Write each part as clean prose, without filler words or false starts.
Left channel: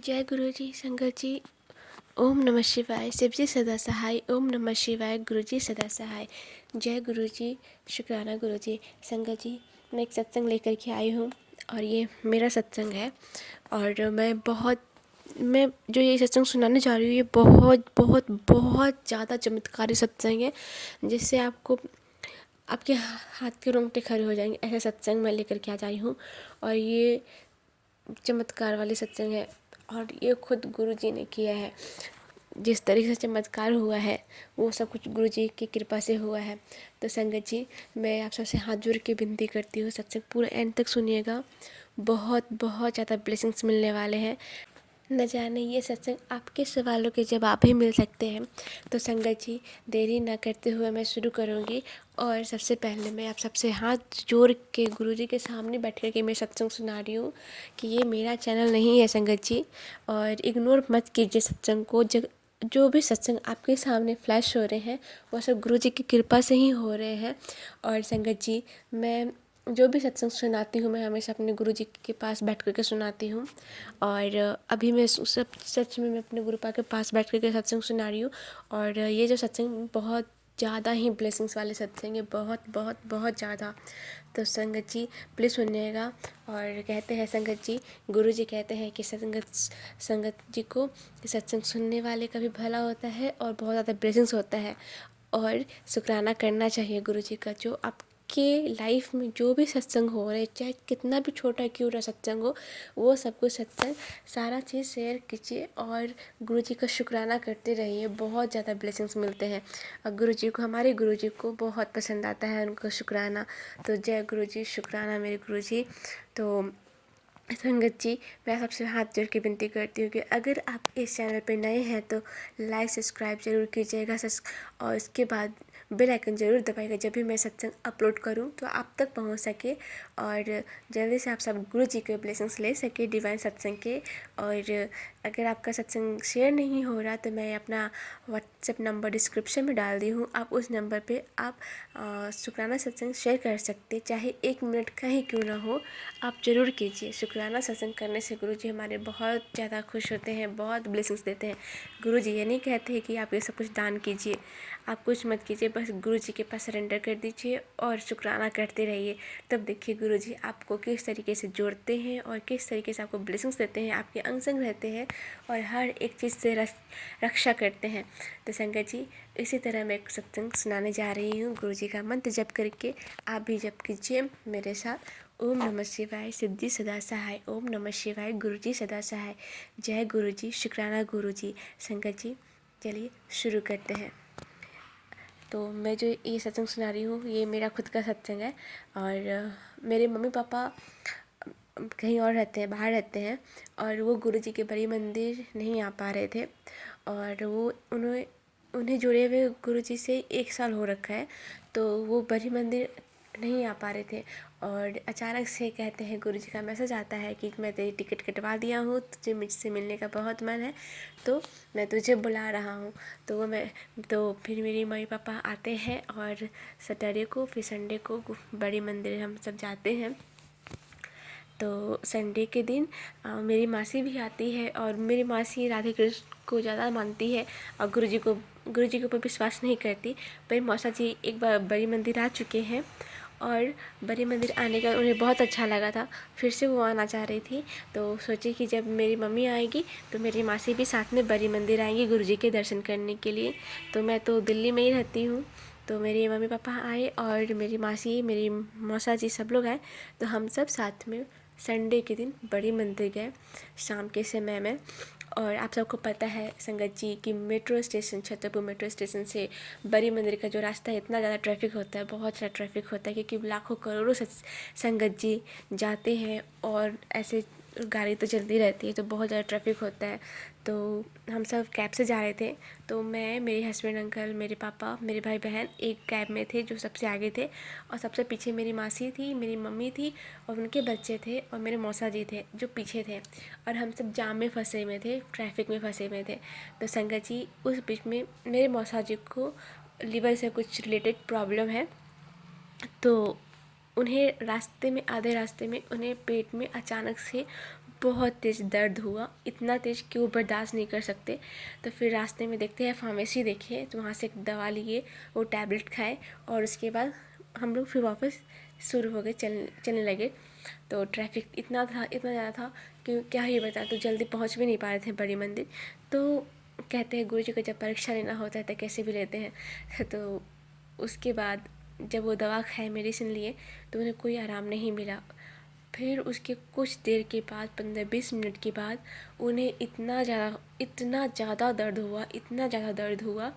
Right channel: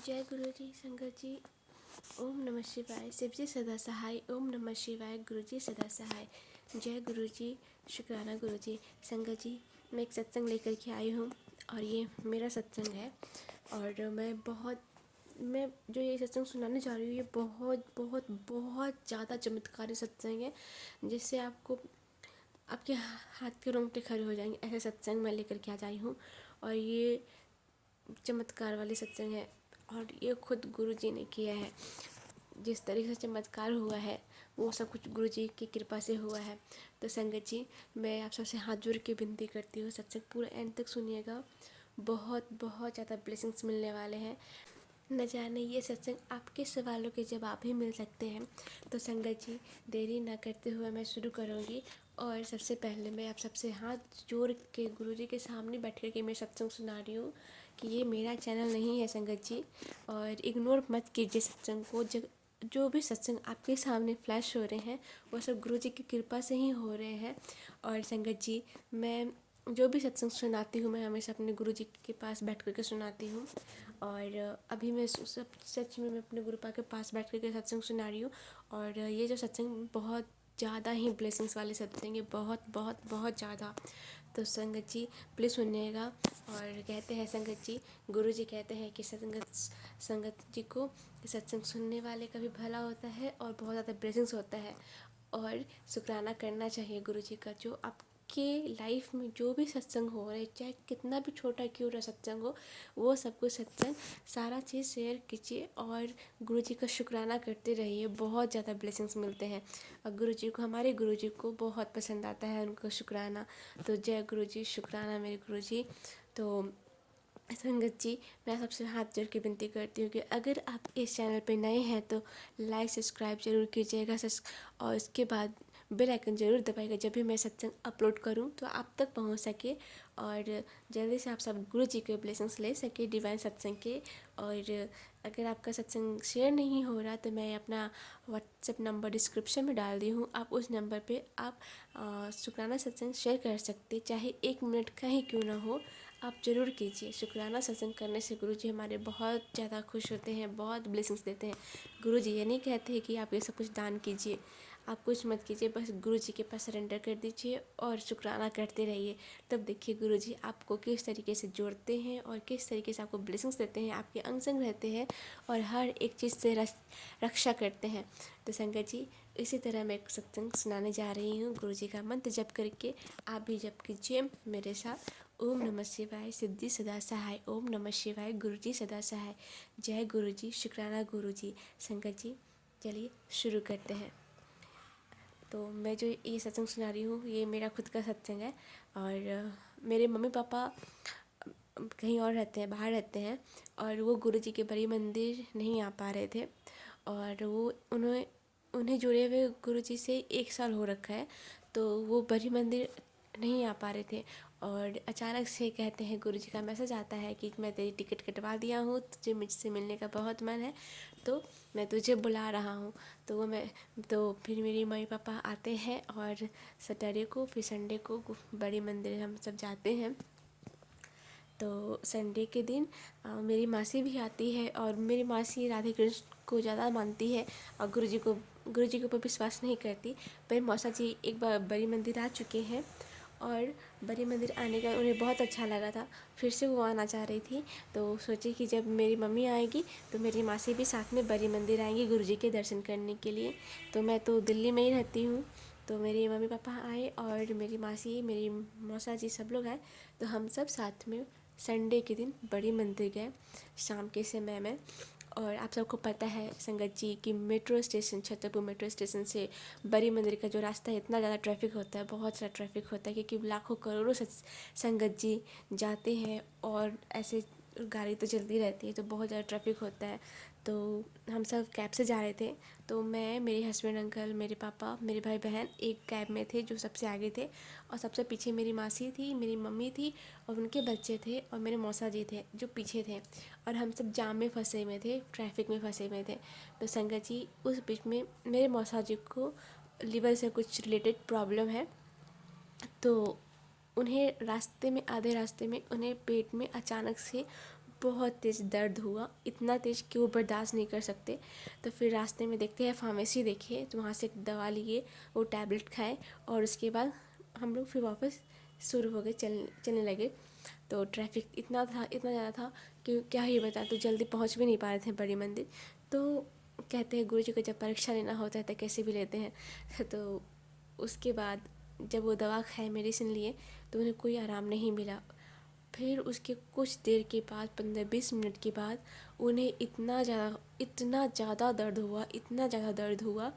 जय गुरु जी, संगत जी। ओम नमः शिवाय। शिव जी सदा सहाय। ओम नमः शिवाय। गुरु जी सदा सहाय। जय गुरु जी, शुक्राना गुरु जी। संगत जी, मैं एक सत्संग लेकर के आई हूँ और ये मेरा सत्संग है। और मैं जो ये सत्संग सुनाने जा रही हूँ, ये बहुत बहुत बहुत ज़्यादा चमत्कारी सत्संग है, जिससे आपको आपके हाथ के रोंगटे खड़े हो जाएंगे। ऐसा सत्संग मैं लेकर के आ जाई हूँ और ये चमत्कार वाले सत्संग है और ये खुद गुरु जी ने किया है। जिस तरीके से चमत्कार हुआ है वो सब कुछ गुरु जी की कृपा से हुआ है। तो संगत जी, मैं आप सबसे हाथ जोड़ के विनती करती हूँ, सत्संग पूरा एंड तक सुनिएगा। बहुत बहुत ज़्यादा ब्लेसिंग्स मिलने वाले हैं। न जाने ये सत्संग आपके सवालों के जवाब भी मिल सकते हैं। तो संगत जी, देरी न करते हुए मैं शुरू करूँगी। और सबसे पहले मैं आप सबसे हाथ जोड़ के गुरु जी के सामने बैठ कर के मैं सत्संग सुना रही हूँ कि ये मेरा चैनल नहीं है संगत जी। और इग्नोर मत कीजिए सत्संग को। जो भी सत्संग आपके सामने फ्लैश हो रहे हैं वो सब गुरु जी की कृपा से ही हो रहे हैं। और संगत जी, मैं जो भी सत्संग सुनाती हूँ मैं हमेशा अपने गुरु जी के पास बैठ कर के सुनाती हूँ। और अभी मैं सब सच में मैं अपने गुरु पा के पास बैठ कर के सत्संग सुना रही हूँ। और ये जो सत्संग बहुत ज़्यादा ही ब्लेसिंग्स वाले सत्संग है, बहुत बहुत बहुत ज़्यादा। तो संगत जी प्लीज़ सुनिएगा। और कहते हैं संगत जी, गुरु जी कहते हैं कि संगत जी को सत्संग सुनने वाले का भी भला होता है और बहुत ज़्यादा ब्लेसिंग्स होता है। और शुक्राना करना चाहिए गुरु जी का। जो आपके लाइफ में जो भी सत्संग हो रहे, चाहे कितना भी छोटा क्यों ना सत्संग हो, वो सब कुछ सत्संग सारा चीज़ शेयर कीजिए और गुरु जी का शुक्राना करते रहिए। बहुत ज़्यादा ब्लेसिंग्स मिलते हैं और गुरु जी को, हमारे गुरु जी को बहुत पसंद आता है उनका शुक्राना। तो जय गुरु जी, शुक्राना मेरे गुरु जी। तो संगत जी, मैं सबसे हाथ जोड़ के विनती करती हूँ कि अगर आप इस चैनल पर नए हैं तो लाइक सब्सक्राइब जरूर कीजिएगा। और उसके बाद बेल आइकन ज़रूर दबाइएगा, जब भी मैं सत्संग अपलोड करूँ तो आप तक पहुँच सके और जल्दी से आप सब गुरु जी के ब्लेसिंग्स ले सके डिवाइन सत्संग के। और अगर आपका सत्संग शेयर नहीं हो रहा तो मैं अपना व्हाट्सएप नंबर डिस्क्रिप्शन में डाल दी हूँ। आप उस नंबर पे आप शुक्राना सत्संग शेयर कर सकते, चाहे 1 मिनट का ही क्यों ना हो, आप ज़रूर कीजिए। शुक्राना सत्संग करने से गुरु जी हमारे बहुत ज़्यादा खुश होते हैं, बहुत ब्लेसिंग्स देते हैं। गुरु जी ये नहीं कहते हैं कि आप ये सब कुछ दान कीजिए, आप कुछ मत कीजिए, बस गुरु जी के पास सरेंडर कर दीजिए और शुक्राना करते रहिए। तब देखिए गुरु जी आपको किस तरीके से जोड़ते हैं और किस तरीके से आपको ब्लेसिंग्स देते हैं, आपके अंग संग रहते हैं और हर एक चीज़ से रक्षा करते हैं। तो संगत जी, इसी तरह मैं एक सत्संग सुनाने जा रही हूँ। गुरु जी का मंत्र जप करके आप भी जप कीजिए मेरे साथ। ओम नमः शिवाय। सिद्धि सदा सहाय। ओम नमः शिवाय। गुरु जी सदा सहाय। जय गुरु जी, शुक्राना गुरु जी। संगत जी, चलिए शुरू करते हैं। तो मैं जो ये सत्संग सुना रही हूँ ये मेरा खुद का सत्संग है। और मेरे मम्मी पापा कहीं और रहते हैं, बाहर रहते हैं और वो गुरु जी के बड़ी मंदिर नहीं आ पा रहे थे। और उन्हें जुड़े हुए गुरु जी से 1 साल हो रखा है, तो वो बड़ी मंदिर नहीं आ पा रहे थे। और अचानक से कहते हैं गुरु जी का मैसेज आता है कि मैं तेरी टिकट कटवा दिया हूँ, तुझे मुझसे मिलने का बहुत मन है तो मैं तुझे बुला रहा हूँ। तो फिर मेरे मम्मी पापा आते हैं और सैटरडे को, फिर संडे को बड़ी मंदिर हम सब जाते हैं। तो संडे के दिन मेरी मासी भी आती है और मेरी मासी राधे कृष्ण को ज़्यादा मानती है और गुरु जी के ऊपर विश्वास नहीं करती। पर मौसा जी एक बार बड़ी मंदिर आ चुके हैं और बड़ी मंदिर आने का उन्हें बहुत अच्छा लगा था, फिर से वो आना चाह रही थी। तो सोची कि जब मेरी मम्मी आएगी तो मेरी मासी भी साथ में बड़ी मंदिर आएंगी गुरु जी के दर्शन करने के लिए। तो मैं तो दिल्ली में ही रहती हूँ, तो मेरे मम्मी पापा आए और मेरी मासी, मेरी मौसा जी सब लोग आए। तो हम सब साथ में संडे के दिन बड़ी मंदिर गए शाम के समय में। और आप सबको पता है संगत जी कि metro station, Chhatarpur metro station से बड़ी मंदिर का जो रास्ता है, इतना ज़्यादा ट्रैफिक होता है, बहुत ज़्यादा ट्रैफिक होता है क्योंकि लाखों करोड़ों संगत जी जाते हैं और ऐसे गाड़ी तो चलती रहती है तो बहुत ज़्यादा ट्रैफिक होता है। तो हम सब कैब से जा रहे थे, तो मैं, मेरे हस्बैंड अंकल, मेरे पापा, मेरे भाई बहन एक कैब में थे जो सबसे आगे थे और सबसे पीछे मेरी मासी थी, मेरी मम्मी थी और उनके बच्चे थे और मेरे मौसा जी थे जो पीछे थे। और हम सब जाम में फंसे हुए थे, ट्रैफिक में फंसे हुए थे। तो संगत जी उस बीच में मेरे मौसा जी को लीवर से कुछ रिलेटेड प्रॉब्लम है, तो उन्हें रास्ते में, आधे रास्ते में उन्हें पेट में अचानक से बहुत तेज़ दर्द हुआ, इतना तेज़ कि वो बर्दाश्त नहीं कर सकते। तो फिर रास्ते में देखते हैं फार्मेसी देखे, तो वहाँ से एक दवा लिए, वो टैबलेट खाए और उसके बाद हम लोग फिर वापस शुरू हो गए, चलने लगे। तो ट्रैफिक इतना ज़्यादा था कि क्या ही बता, तो जल्दी पहुँच भी नहीं पा रहे थे बड़ी मंदिर। तो कहते हैं गुरु जी को जब परीक्षा लेना होता है तो कैसे भी लेते हैं। तो उसके बाद जब वो दवा खाए, मेडिसिन लिए, तो उन्हें कोई आराम नहीं मिला। फिर उसके कुछ देर के बाद 15-20 मिनट के बाद उन्हें इतना ज़्यादा दर्द हुआ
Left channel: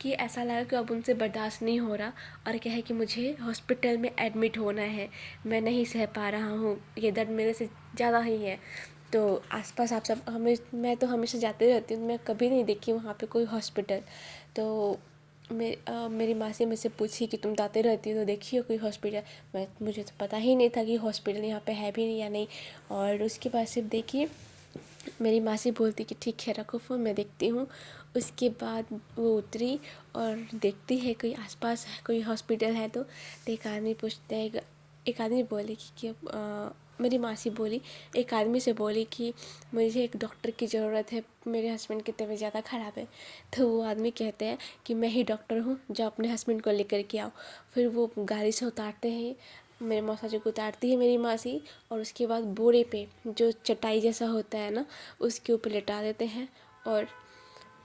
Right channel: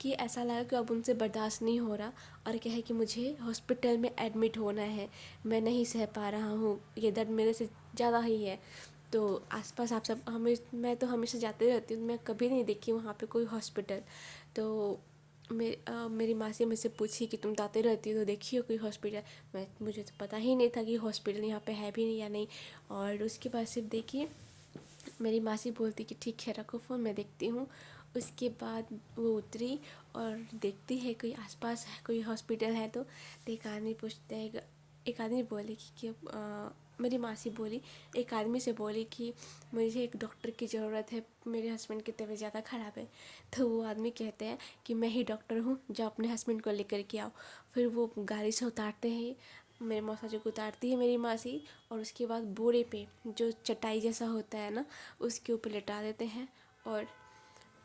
कि ऐसा लगा कि अब उनसे बर्दाश्त नहीं हो रहा, और क्या है कि मुझे हॉस्पिटल में एडमिट होना है, मैं नहीं सह पा रहा हूँ, ये दर्द मेरे से ज़्यादा ही है। तो आसपास आप सब मैं तो हमेशा जाते रहती हूँ, मैं कभी नहीं देखी वहाँ पे कोई हॉस्पिटल। तो मेरी माँ से मुझसे पूछी कि तुम जाते रहती हो तो देखी हो कोई हॉस्पिटल। मुझे तो पता ही नहीं था कि हॉस्पिटल यहाँ पे है भी नहीं या नहीं। और उसके बाद सिर्फ देखी, मेरी माँ से बोलती कि ठीक है रखो फ़ोन, मैं देखती हूँ। उसके बाद वो उतरी और देखती है कोई आसपास है कोई हॉस्पिटल है, तो एक आदमी पूछते हैं, एक आदमी बोले कि मेरी मासी बोली, एक आदमी से बोली कि मुझे एक डॉक्टर की ज़रूरत है, मेरे हस्बैंड की तबीयत ज़्यादा ख़राब है। तो वो आदमी कहते हैं कि मैं ही डॉक्टर हूँ, जाओ अपने हस्बैंड को लेकर के आओ। फिर वो गाड़ी से उतारते हैं, मेरे मौसा जी को उतारती है मेरी मासी, और उसके बाद बोरे पे जो चटाई जैसा होता है ना, उसके ऊपर लेटा देते हैं और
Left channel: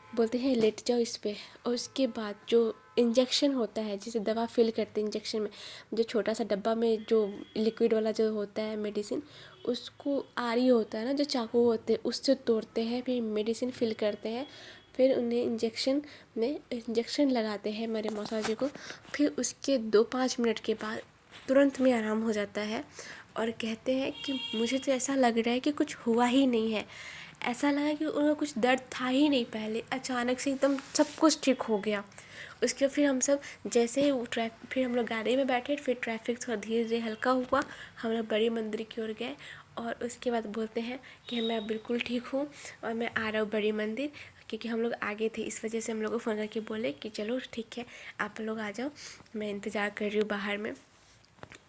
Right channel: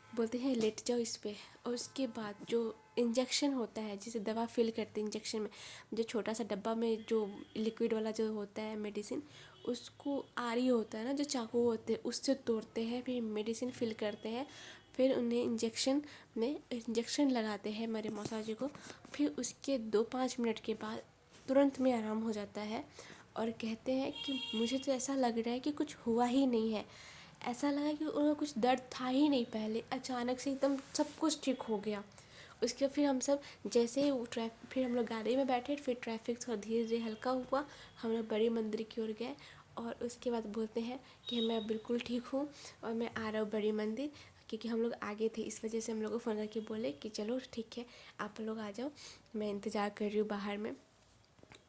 बोलते हैं लेट जाओ इस पे। और उसके बाद जो इंजेक्शन होता है, जिसे दवा फिल करते हैं इंजेक्शन में, जो छोटा सा डब्बा में जो लिक्विड वाला जो होता है मेडिसिन, उसको आरी होता है ना, जो चाकू होते हैं उससे तोड़ते हैं, फिर मेडिसिन फिल करते हैं, फिर उन्हें इंजेक्शन लगाते हैं मेरे मौसा जी को। फिर उसके 2-5 मिनट के बाद तुरंत में आराम हो जाता है। और कहते हैं कि मुझे तो ऐसा लग रहा है कि कुछ हुआ ही नहीं है, ऐसा लगा कि उन्हें कुछ दर्द था ही नहीं पहले, अचानक से एकदम सब कुछ ठीक हो गया। उसके फिर हम सब जैसे ही फिर हम लोग गाड़ी में बैठे, फिर ट्रैफिक थोड़ा धीरे धीरे हल्का हुआ, हम लोग बड़ी मंदिर की ओर गए। और उसके बाद बोलते हैं कि मैं बिल्कुल ठीक हूँ और मैं आ रहा हूँ बड़ी मंदिर, क्योंकि हम लोग आगे थे, इस वजह से हम लोग को फ़ोन करके बोले कि चलो ठीक है आप लोग आ जाओ, मैं इंतज़ार कर रही हूँ बाहर में।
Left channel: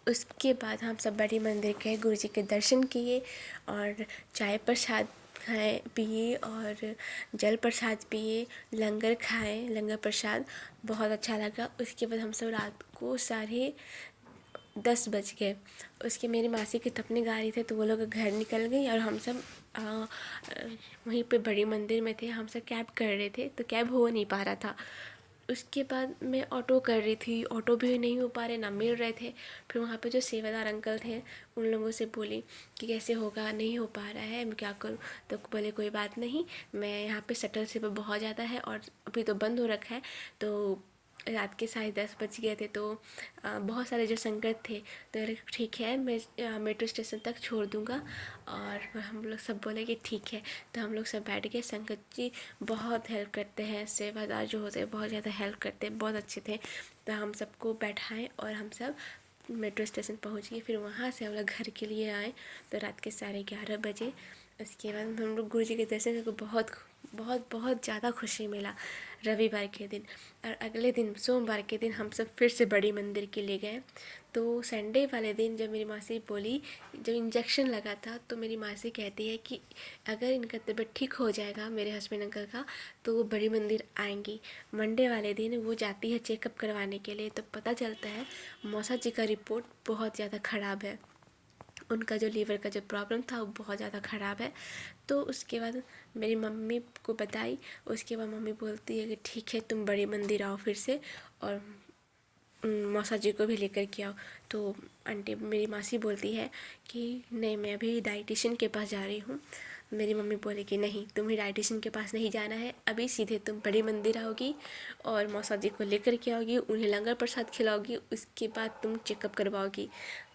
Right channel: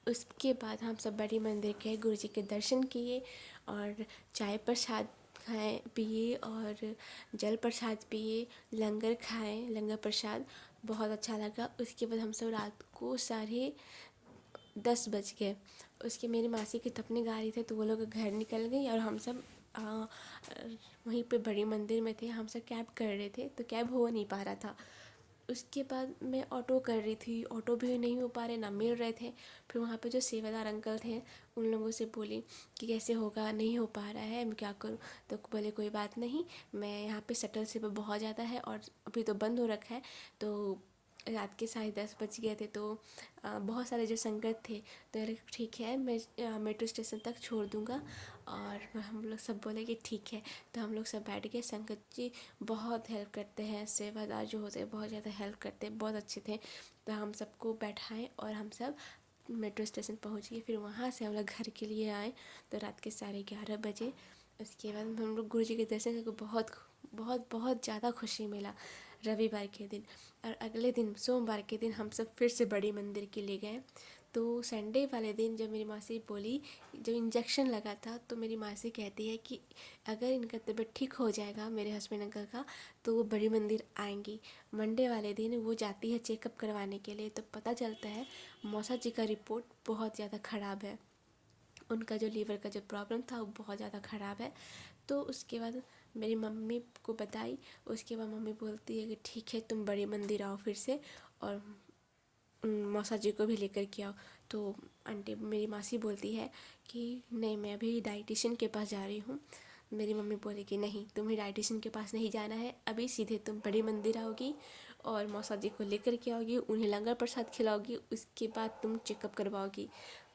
उसके बाद हम सब बड़ी मंदिर गए, गुरु जी के दर्शन किए और चाय प्रसाद खाए पिए और जल प्रसाद पिए, लंगर खाए, लंगर प्रसाद बहुत अच्छा लगा। उसके बाद हम सब रात को 10:30 बज गए। उसके मेरी मासी की तो अपनी गाड़ी थे, तो वो लोग घर निकल गई और हम सब वहीं पे बड़ी मंदिर में थे। हम सब कैब कर रहे थे, तो कैब हो नहीं पा रहा था। उसके बाद मैं ऑटो कर रही थी, ऑटो भी नहीं हो पा रहे, ना मिल रहे थे। फिर वहाँ पे जो सेवादार अंकल थे, उन लोगों से बोली कि कैसे होगा, नहीं हो पा रहा है, मैं क्या करूँ। तो बोले कोई बात नहीं, मैं यहाँ पे शटल से बहुत ज़्यादा है और अभी तो बंद हो रखा है। तो रात के 10:30 बज गए थे, तो बहुत सारे जो संगत थे, तो ठीक है मैं मेट्रो स्टेशन तक छोड़ दूँगा। और हम लोग सब बोले कि ठीक है। तो हम लोग सब बैठ गए। संगत जी बहुत हेल्प करते हैं, सेवादार जो होते हैं बहुत ज़्यादा हेल्प करते हैं, बहुत अच्छे थे। तो हम सबको बैठाएं और हम सब मेट्रो स्टेशन पहुंच गए। फिर वहाँ से हम लोग घर के लिए आए, तो रात के 11:30 बजे। उसके बाद हम लोग गुरु जी के दर्शन करके बहुत बहुत बहुत ज़्यादा खुशी मिला रविवार के दिन। और अगले दिन सोमवार के दिन हम सब फिर से बड़ी मंदिर के लिए गए। तो संडे वाले दिन जब मेरी मासी बोली, जब इंजेक्शन लगा था, तो मेरी मासी कहती है कि अगर इनका तबीयत ठीक हो जाएगा मेरे हस्बैंड अंकल का, तो वो बड़ी मंदिर आएंगी। मंडे वाले दिन वो जाती है चेकअप करवाने के लिए, तो पता चलता है मौसा जी का रिपोर्ट बहुत ज़्यादा ख़राब है, उनका जो लीवर का जो प्रॉब्लम था वो बहुत ज़्यादा ख़राब है। तो उसके बाद मेरी मम्मी को बताई। उसके बाद मम्मी बोलती है कि ठीक है तुम बड़ी मंदिर आओ फिर से, और मौसा जी को भी लेकर के आओ। तो आंटी मेरी मासी बोलती है कि नहीं मैं अभी डाइटिशियन के पास जा रही हूँ। मेरी मम्मी बोली कि नहीं तुम्हें डाइटिशियन के पास नहीं जाना है, अभी सीधे तुम बड़ी मंदिर आओगी और मौसा जी को लेकर के आओगी, उन्हें लंगर प्रसाद खिलाओगी, उसके बाद तुम चेकअप करवाओगी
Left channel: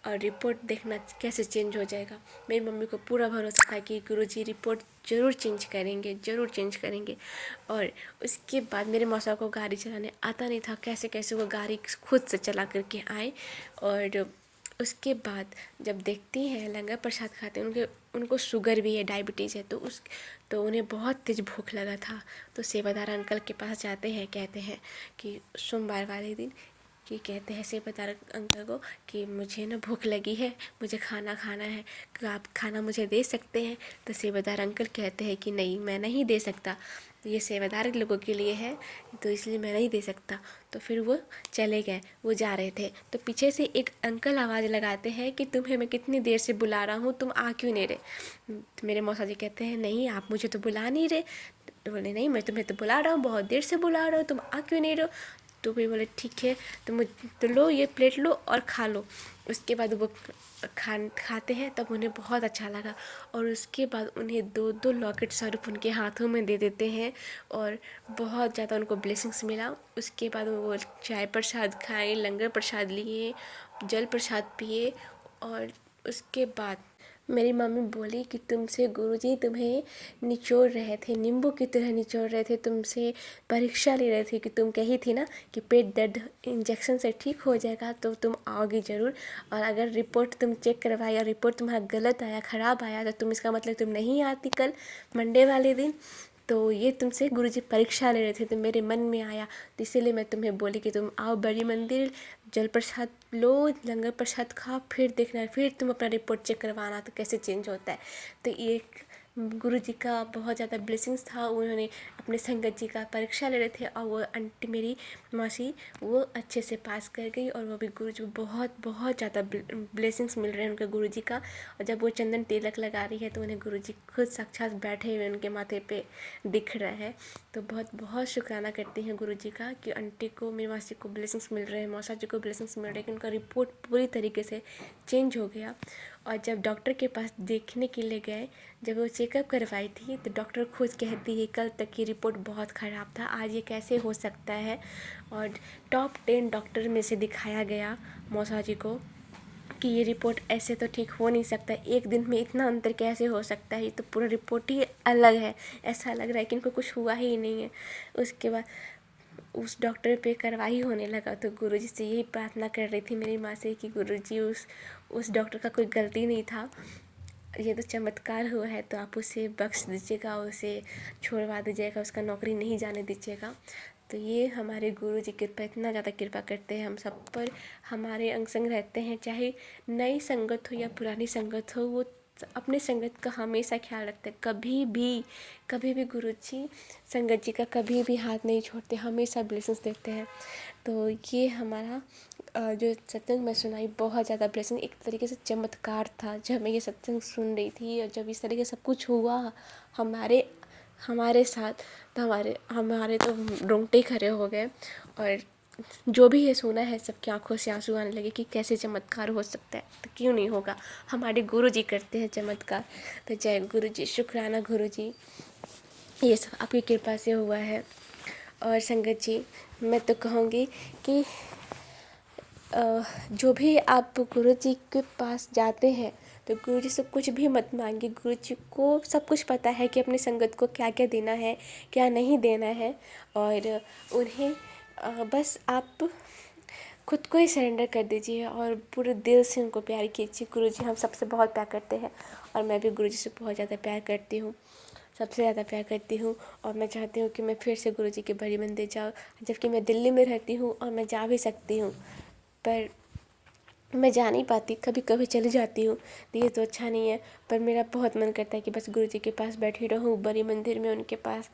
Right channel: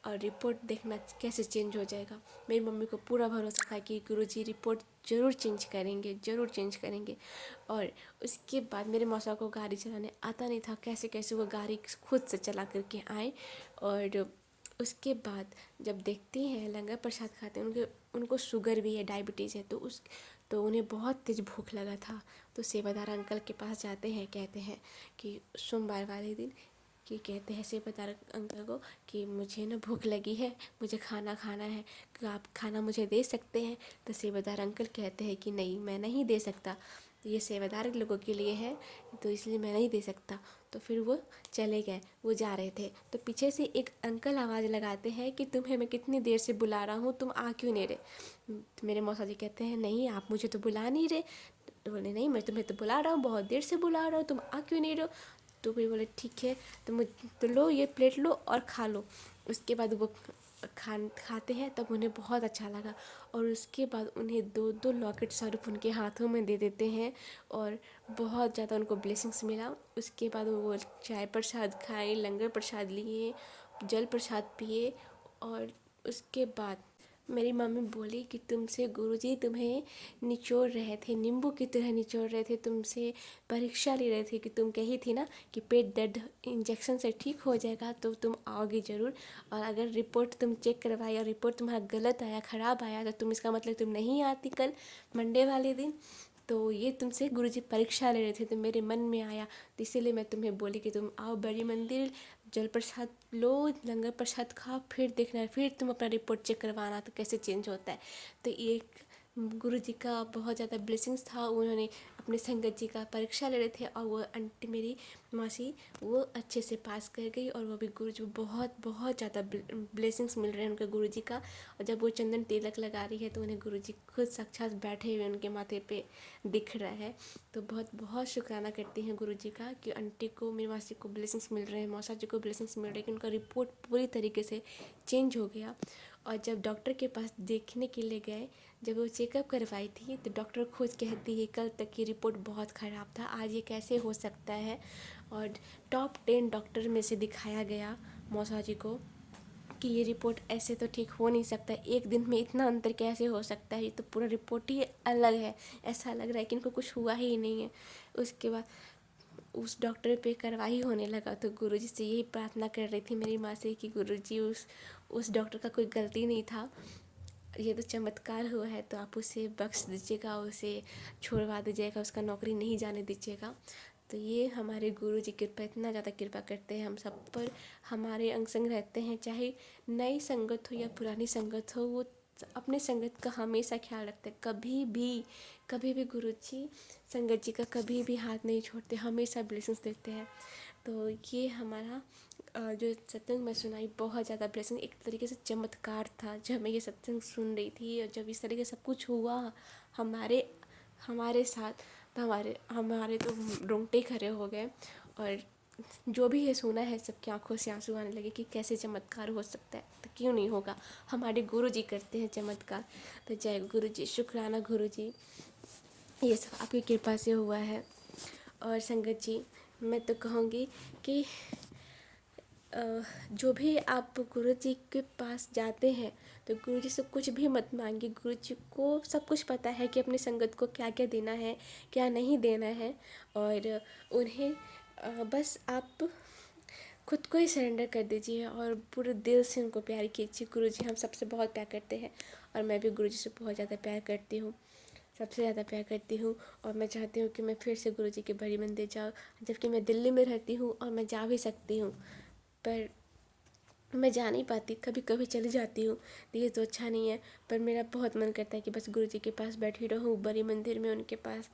और रिपोर्ट देखना कैसे चेंज हो जाएगा। मेरी मम्मी को पूरा भरोसा था कि गुरुजी रिपोर्ट ज़रूर चेंज करेंगे, ज़रूर चेंज करेंगे। और उसके बाद मेरे मौसा को गाड़ी चलाने आता नहीं था, कैसे कैसे वो गाड़ी खुद से चला करके आए। और उसके बाद जब देखती हैं लंगर प्रसाद खाते हैं, उनको शुगर भी है, डायबिटीज़ है, तो उन्हें बहुत तेज़ भूख लगा था। तो सेवादार अंकल के पास जाते हैं, कहते हैं कि सोमवार वाले दिन कि कहते हैं सेवादार अंकल को कि मुझे ना भूख लगी है, मुझे खाना खाना है, क्या आप खाना मुझे दे सकते हैं? तो सेवादार अंकल कहते हैं कि नहीं, मैं नहीं दे सकता, ये सेवादार लोगों के लिए है, तो इसलिए मैं नहीं दे सकता। तो फिर वो चले गए। वो जा रहे थे तो पीछे से एक अंकल आवाज़ लगाते हैं कि तुम्हें मैं कितनी देर से बुला रहा हूँ, तुम आ क्यों नहीं रहे? तो मेरे मौसा जी कहते हैं नहीं, आप मुझे तो बुला नहीं रहे। तो बोले नहीं, मैं तुम्हें तो बुला रहा हूँ, बहुत देर से बुला रहा हूँ, तुम आ क्यों नहीं रहे हो? तो फिर बोले ठीक है, तो लो ये प्लेट लो और खा लो। उसके बाद वो खाते हैं, तब उन्हें बहुत अच्छा लगा और उसके बाद उन्हें 2-2 लॉकेट स्वरूप उनके हाथों में दे देते हैं और बहुत ज़्यादा उनको ब्लेसिंग्स मिला। उसके बाद वो चाय प्रसाद खाए, लंगर प्रसाद लिए, जल प्रसाद पिए और उसके बाद मेरी मम्मी बोली कि तुमसे गुरुजी तुम्हें निचोड़ रहे थे, नींबू की तरह निचोड़ रहे थे, तुमसे परीक्षा ले रहे थे कि तुम कही थी ना कि पेट दर्द इंजेक्शन से ठीक हो जाएगा, तो तुम आओगी ज़रूर। और अगर रिपोर्ट तुम चेक करवाई और रिपोर्ट तुम्हारा गलत आया, ख़राब आया, तो तुम इसका मतलब तुम नहीं आती कल मंडे वाले दिन। तो ये तुमसे गुरुजी परीक्षा ले रहे थे, तो मेरे मन में आया, तो इसीलिए मैं तुम्हें बोली कि तुम आओ बड़ी मंदिर, जल प्रसाद लो, लंगर प्रसाद खाओ, फिर देखना, फिर तुम अपना रिपोर्ट चेक करवाना तो कैसे चेंज होता है। तो ये गुरुजी का बहुत ज़्यादा ब्लेसिंग्स था। उन्होंने अपने संगत जी का परीक्षा ले रहे थे और वो आंटी मेरी मौसी वो अच्छे से पास कर गई और वो भी गुरुजी को बहुत बहुत ज़्यादा ब्लेसिंग्स मिल रहे हैं उनके गुरुजी का। और जब वो चंदन तिलक लगा रही है तो उन्हें गुरुजी खुद साक्षात बैठे हुए उनके माथे पे दिख रहा है। तो बहुत बहुत शुक्राना करती हैं गुरुजी का कि आंटी को, मेरी मासी को ब्लेसिंग्स मिल रहे हैं, मौसा जी को ब्लेसिंग्स मिल रहे हैं कि उनका रिपोर्ट पूरी तरीके से चेंज हो गया। और जब डॉक्टर के पास देखने के लिए गए, जब वो चेकअप करवाई थी, तो डॉक्टर खुद कहती है कल तक की रिपोर्ट बहुत ख़राब था, आज ये कैसे हो सकता है। और टॉप 10 डॉक्टर में से दिखाया गया मौसा जी को कि ये रिपोर्ट ऐसे तो ठीक हो नहीं सकता, एक दिन में इतना अंतर कैसे हो सकता है, ये तो पूरा रिपोर्ट ही अलग है, ऐसा लग रहा है कि इनको कुछ हुआ ही नहीं है। उसके बाद उस डॉक्टर पे कार्रवाई होने लगा, तो गुरुजी से यही प्रार्थना कर रही थी मेरी माँ से कि गुरुजी उस डॉक्टर का कोई गलती नहीं था, ये तो चमत्कार हुआ है, तो आप उसे बख्श दीजिएगा, उसे छोड़वा दीजिएगा, उसका नौकरी नहीं जाने दीजिएगा। तो ये हमारे गुरुजी कृपा, इतना ज़्यादा कृपा करते हैं हम सब पर, हमारे अंग संग रहते हैं, चाहे नई संगत हो या पुरानी संगत हो, वो अपने संगत का हमेशा ख्याल रखते हैं। कभी भी गुरुजी संगत जी का कभी भी हाथ नहीं छोड़ते, हमेशा ब्लेसिंग्स देते हैं। तो ये हमारा जो सत्संग मैं सुनाई, बहुत ज़्यादा ब्लेसिंग, एक तरीके से चमत्कार था। जब मैं ये सत्संग सुन रही थी और जब इस तरीके से सब कुछ हुआ हमारे हमारे साथ, तो हमारे तो रोंगटे खड़े हो गए। और जो भी ये सुना है सबकी आंखों से आंसू आने लगे कि कैसे चमत्कार हो सकता है, तो क्यों नहीं होगा, हमारे गुरु जी करते हैं चमत्कार। तो जय गुरु जी, शुक्राना गुरु जी, ये सब आपकी कृपा से हुआ है। और संगत जी, मैं तो कहूँगी कि जो भी आप गुरु जी के पास जाते हैं तो गुरु जी से कुछ भी मत मांगिए, गुरु जी को सब कुछ पता है कि अपनी संगत को क्या क्या देना है, क्या नहीं देना है। और उन्हें बस आप खुद को ही सरेंडर कर दीजिए और पूरे दिल से उनको प्यार कीजिए। गुरु जी हम सबसे बहुत प्यार करते हैं और मैं भी गुरु जी से बहुत ज़्यादा प्यार करती हूँ, सबसे ज़्यादा प्यार करती हूँ। और मैं चाहती हूँ कि मैं फिर से गुरु जी के बड़ी मंदिर जाऊँ, जबकि मैं दिल्ली में रहती हूँ और मैं जा भी सकती हूँ, पर मैं जा नहीं पाती, कभी कभी चली जाती हूँ, तो ये तो अच्छा नहीं है। पर मेरा बहुत मन करता है कि बस गुरु जी के पास बैठी रहूँ, बड़ी मंदिर में उनके पास।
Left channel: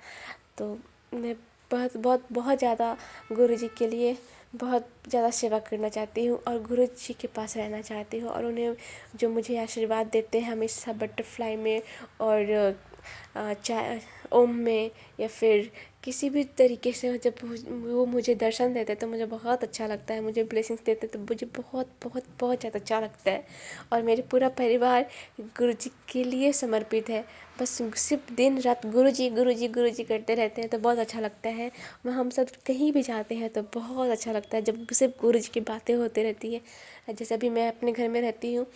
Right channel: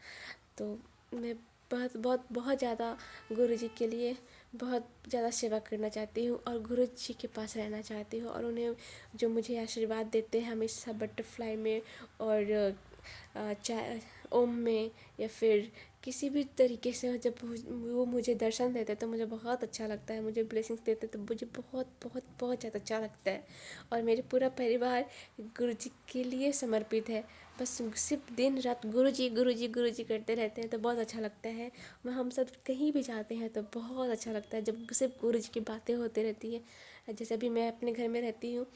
तो मैं बहुत बहुत बहुत ज़्यादा गुरु जी के लिए बहुत ज़्यादा सेवा करना चाहती हूँ और गुरु जी के पास रहना चाहती हूँ। और उन्हें जो मुझे आशीर्वाद देते हैं हमेशा बटरफ्लाई में और चाहे ओम में या फिर किसी भी तरीके से, जब वो मुझे दर्शन देते तो मुझे बहुत अच्छा लगता है, मुझे ब्लेसिंग्स देते तो मुझे बहुत बहुत बहुत ज़्यादा अच्छा लगता है। और मेरे पूरा परिवार गुरु जी के लिए समर्पित है, बस सिर्फ दिन रात गुरु जी गुरु जी गुरु जी करते रहते हैं, तो बहुत अच्छा लगता है। हम सब कहीं भी जाते हैं तो बहुत अच्छा लगता है जब सिर्फ गुरु जी की बातें होती रहती है। जैसे अभी मैं अपने घर में रहती हूँ,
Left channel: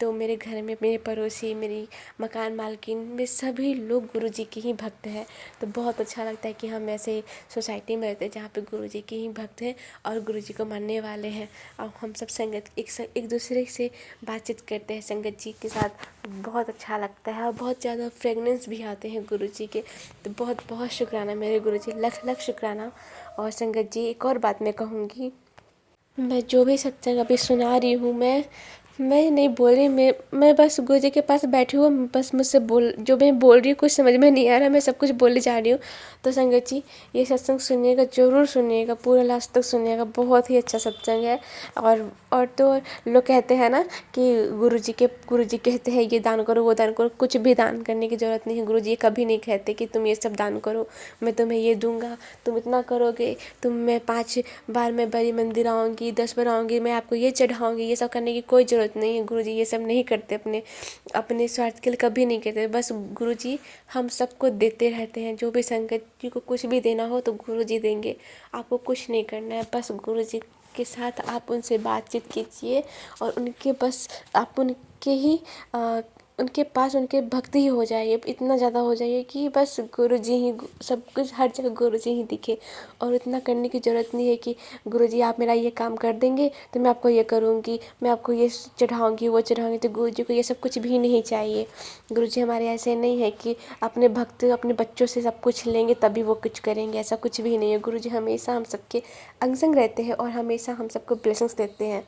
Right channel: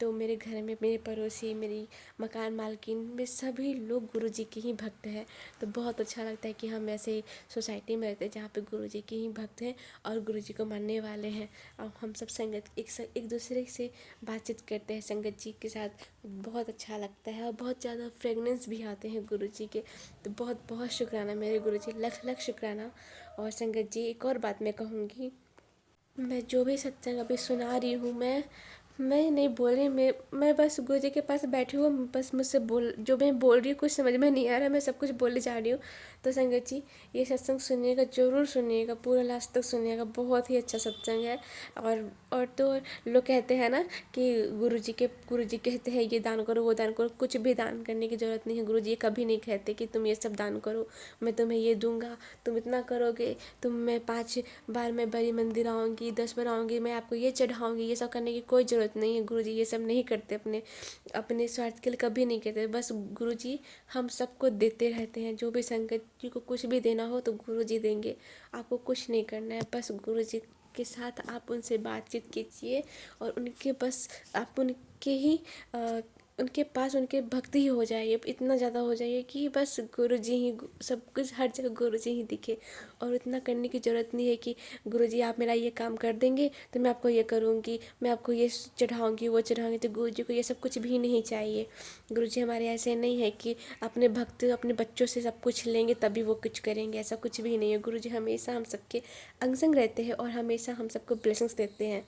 तो मेरे घर में मेरे पड़ोसी, मेरी मकान मालकिन में सभी लोग गुरु जी के ही भक्त हैं। तो बहुत अच्छा लगता है कि हम ऐसे सोसाइटी में रहते हैं जहाँ पे गुरु जी के ही भक्त हैं और गुरु जी को मानने वाले हैं। और हम सब संगत एक दूसरे से बातचीत करते हैं संगत जी के साथ, बहुत अच्छा लगता है और बहुत ज़्यादा फ्रेगनेंस भी आते हैं गुरु जी के। तो बहुत बहुत शुक्राना मेरे गुरु जी, लख लख शुक्राना। और संगत जी, एक और बात मैं कहूँगी मैं जो भी सत्संग अभी सुना रही हूँ, मैं नहीं बोल रही, मैं बस गुरु जी के पास बैठी हूँ, बस मुझसे जो मैं बोल रही हूँ कुछ समझ में नहीं आ रहा, मैं सब कुछ बोले जा रही हूँ। तो संगत जी, ये सत्संग सुनिएगा, ज़रूर सुनिएगा, पूरा लास्ट तक सुनिएगा, बहुत ही अच्छा सत्संग है। और तो लोग कहते हैं ना कि गुरु जी कहते हैं ये दान करो, वो दान करो। कुछ भी दान करने की ज़रूरत नहीं है। गुरु जी कभी नहीं कहते कि तुम ये सब दान करो, मैं तुम्हें ये दूंगा, तुम इतना करोगे, मैं 5 बार मैं बड़ी मंदिर आऊँगी, 10 बार आऊँगी, मैं आपको ये चढ़ाऊँगी, ये सब करने की कोई ज़रूरत नहीं है। गुरुजी ये सब नहीं करते, अपने अपने स्वार्थ के लिए कभी नहीं करते। बस गुरुजी हम सबको देते रहते हैं। जो भी संगत जी को कुछ भी देना हो तो गुरुजी देंगे, आपको कुछ नहीं करना है। बस गुरुजी के साथ आप उनसे बातचीत कीजिए और उनके बस आप उनके पास उनके भक्ति ही हो जाइए, इतना ज़्यादा हो जाइए कि बस गुरुजी ही सब कुछ, हर जगह गुरुजी ही दिखे। और इतना करने की ज़रूरत नहीं है कि गुरुजी आप मेरा ये काम कर देंगे तो मैं आपको ये करूँगी, मैं आपको ये चढ़ाऊँगी, वो चढ़ाऊँगी। तो गुरुजी को ये सब कुछ भी नहीं चाहिए। गुरुजी हमारे ऐसे नहीं है कि अपने भक्त अपने बच्चों से सब कुछ लेंगे तभी वो कुछ करेंगे, ऐसा कुछ भी नहीं है। गुरुजी हमेशा हम सबके अंग संग रहते हैं और हमेशा हम सबको ब्लेसिंग्स देते हैं।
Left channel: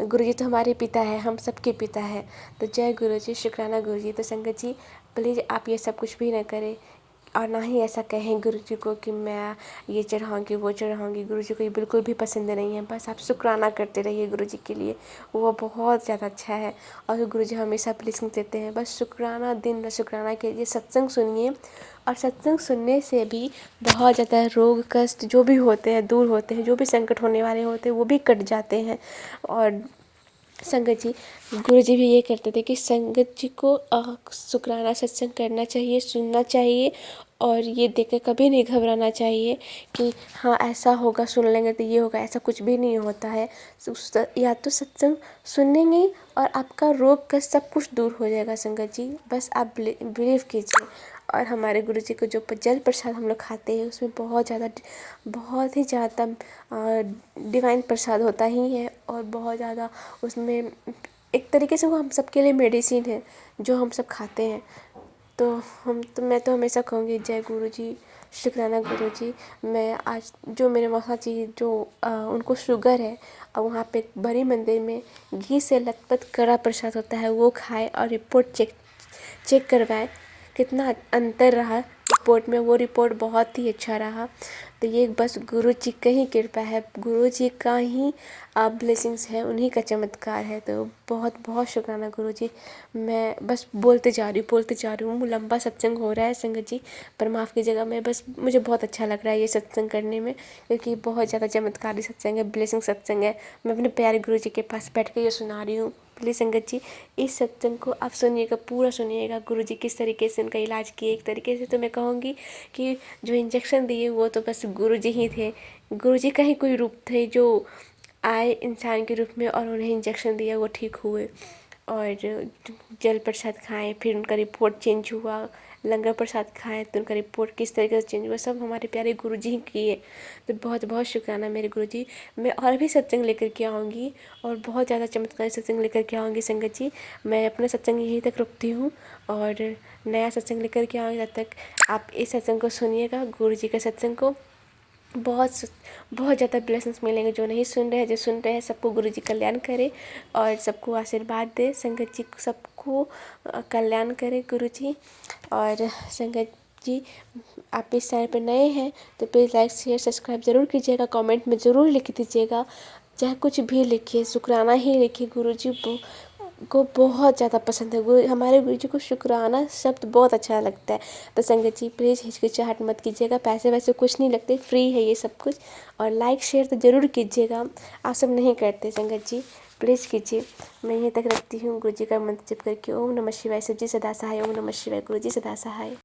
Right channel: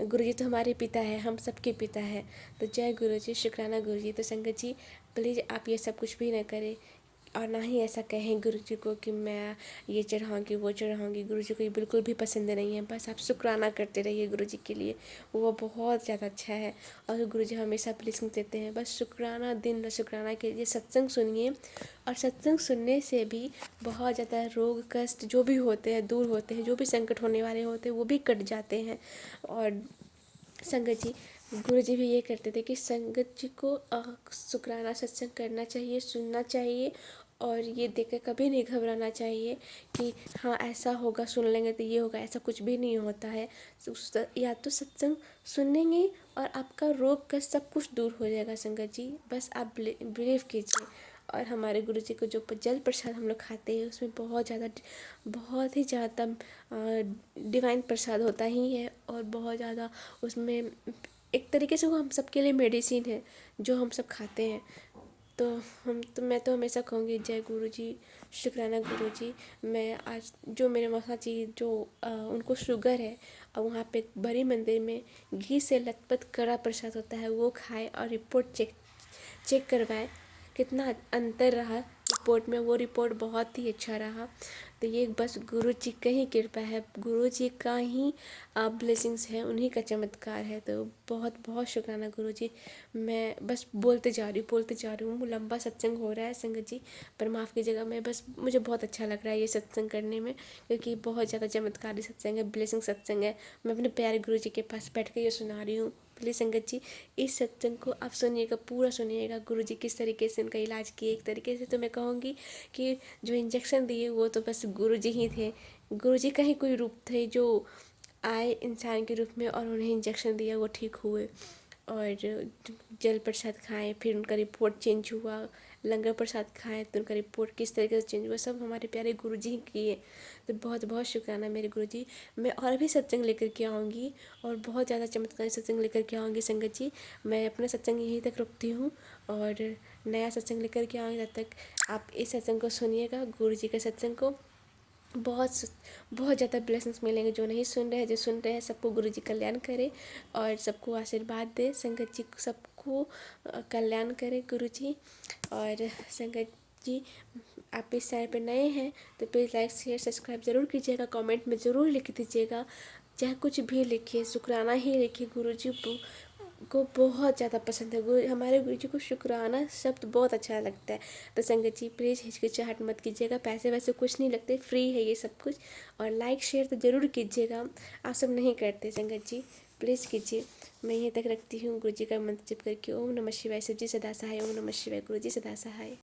गुरुजी तो हमारे पिता है, हम सबके पिता है। तो जय गुरुजी, शुक्राना गुरुजी। तो संगत जी, प्लीज़ आप ये सब कुछ भी ना करें और ना ही ऐसा कहें गुरुजी को कि मैं ये चढ़ाऊँगी, वो चढ़ाऊँगी। गुरुजी को ये बिल्कुल भी पसंद नहीं है। बस आप शुक्राना करते रहिए गुरुजी के लिए, वो बहुत ज़्यादा अच्छा है। और गुरुजी हमेशा ब्लेसिंग देते हैं। बस शुक्राना, दिन रात शुक्राना कीजिए, सत्संग सुनिए। और सत्संग सुनने से भी बहुत ज़्यादा रोग कष्ट जो भी होते हैं दूर होते हैं, जो भी संकट होने वाले होते हैं वो भी कट जाते हैं। और संगत जी, गुरु जी भी ये करते थे कि संगत जी को शुक्राना सत्संग करना चाहिए, सुनना चाहिए और ये देख कर कभी नहीं घबराना चाहिए कि हाँ ऐसा होगा, सुन लेंगे तो ये होगा। ऐसा कुछ भी नहीं होता है। या तो सत्संग सुनेंगे और आपका रोग का सब कुछ दूर हो जाएगा। संगत जी, बस आप बिलीव कीजिए। और हमारे गुरु जी को जो जल प्रसाद हम लोग खाते हैं उसमें बहुत ही ज़्यादा डिवाइन प्रसाद होता ही है। और बहुत ज़्यादा उसमें एक तरीके से वो हम सबके लिए मेडिसिन है जो हम सब खाते हैं। मैं तो हमेशा कहूँगी जय गुरु जी, शुक्राना गुरु जी। मैं आज जो मेरे मौसा जी जो उनको शुगर है और वहाँ पे बड़ी मंदिर में घी से लथपथ कड़ा प्रसाद होता है वो खाए और रिपोर्ट चेक करवाए, कितना अंतर रहा रिपोर्ट में। वो रिपोर्ट बहुत ही अच्छा रहा। तो ये बस गुरु जी का ही कृपा है, गुरु जी का ही ब्लेसिंग्स है, उन्हीं का चमत्कार है। तो बहुत बहुत शुक्राना गुरु जी। मैं बस बोलते जा रही हूँ, लंबा सत्संग हो रहा है संगत जी, पर माफ़ कीजिएगा। मुझे बहुत अच्छा लग रहा है ये सत्संग करने में, क्योंकि बहुत ज़्यादा चमत्कारी सत्संग है, ब्लेसिंग सत्संग है। मैं अपने प्यारे गुरु जी के पास बैठ कर ये सुना रही हूँ। प्लीज़ संगत जी, इस सत्संग को आप सुनिएगा, पूरा सुनिएगा। गुरु जी किस तरीके से उनका इलाज किए। एक तरीके से तो मैं कहूँगी कि जो इंजेक्शन दिए वो तो बस गुरु जी ही थे। गुरु जी का ही कोई रूप थे जो आए इंसान के रूप में और उन्हें इंजेक्शन दिया, वो ठीक हुए। और जल प्रसाद खाएं, फिर उनका रिपोर्ट चेंज हुआ। लंगर प्रसाद खाएं तो उनका रिपोर्ट किस तरीके से चेंज हुआ, सब हमारे प्यारे गुरु जी ही किए। तो बहुत बहुत शुक्राना मेरे गुरु जी। मैं और भी सत्संग लेकर के आऊँगी और बहुत ज़्यादा चमत्कारी सत्संग लेकर के आऊँगी संगत जी। मैं अपना सत्संग यहीं तक रुकती हूँ और नया सत्संग लेकर के आऊँगी। तब तक आप इस सत्संग को सुनिएगा, गुरु जी के सत्संग को। बहुत बहुत ज़्यादा ब्लेसिंग्स मिलेंगे। जो नहीं सुन रहे हैं, जो सुन रहे हैं, सबको गुरु जी कल्याण करे और सबको आशीर्वाद दे। संगत जी सबको कल्याण करे गुरु जी। और संगत जी, आप इस चैनल पर नए हैं तो प्लीज़ लाइक शेयर सब्सक्राइब ज़रूर कीजिएगा। कमेंट में ज़रूर लिख दीजिएगा, चाहे कुछ भी लिखिए, शुक्राना ही लिखिए। गुरु जी को बहुत ज़्यादा पसंद है। हमारे गुरु जी को शुक्राना शब्द बहुत अच्छा लगता है। तो संगत जी, प्लीज़ हिचकिचाहट मत कीजिएगा, पैसे वैसे कुछ नहीं लगते, फ्री है ये सब कुछ। और लाइक शेयर तो ज़रूर कीजिएगा, आप सब नहीं करते संगत जी, प्लीज़ कीजिए। मैं यहीं तक रखती हूँ। गुरु जी का मंत्र जप करके ओम नमः शिवाय, शिव जी सदा सहाय। ओम नमः शिवाय, गुरु जी सदा सहाय।